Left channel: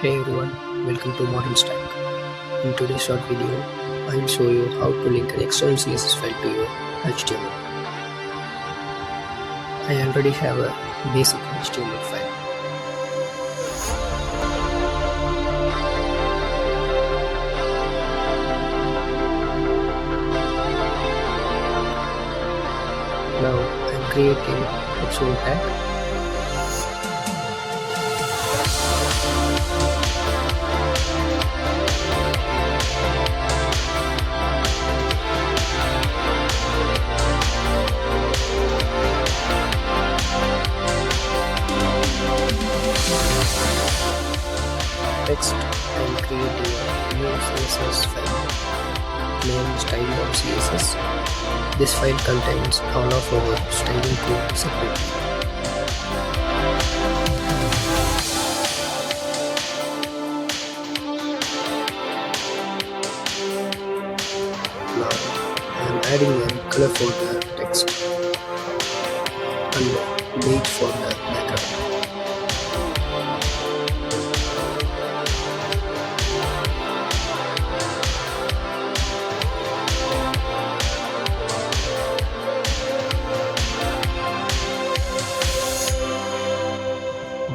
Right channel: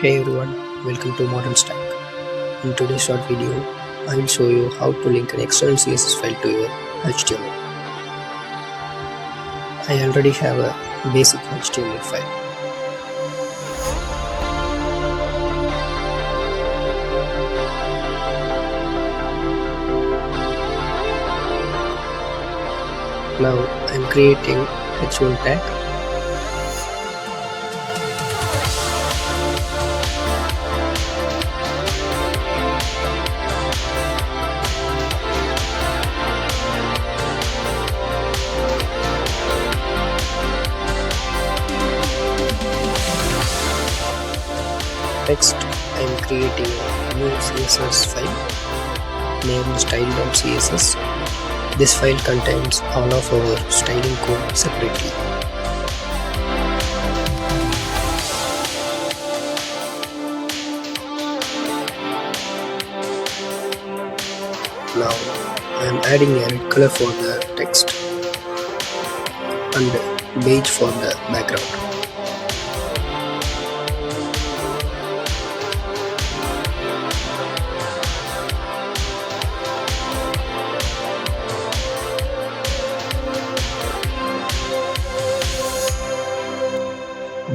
Hey everyone, welcome to ModernStack. In today's short video, I will show you how to link an external CSS file to your HTML. I already have a basic HTML file. Now I am creating h1 tag. Next, I am creating a new CSS file named style.css. This file contains all of our styling code separately. Now, I am adding a red color for the text and beige for the background.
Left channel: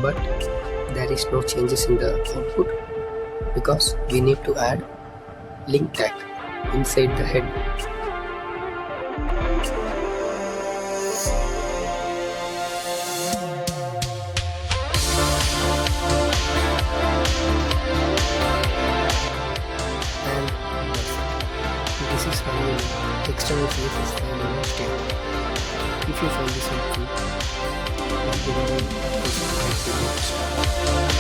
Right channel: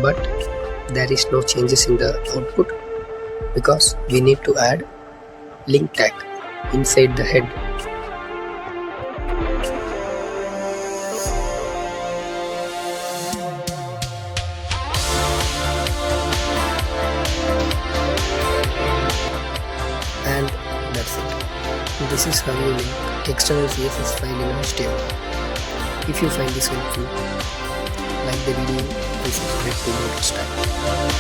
But there is no changes in the output because we need to add link tag inside the head. And that's it. This is how you link external CSS file in HTML. If you find this helpful, like the video and subscribe to ModernStack.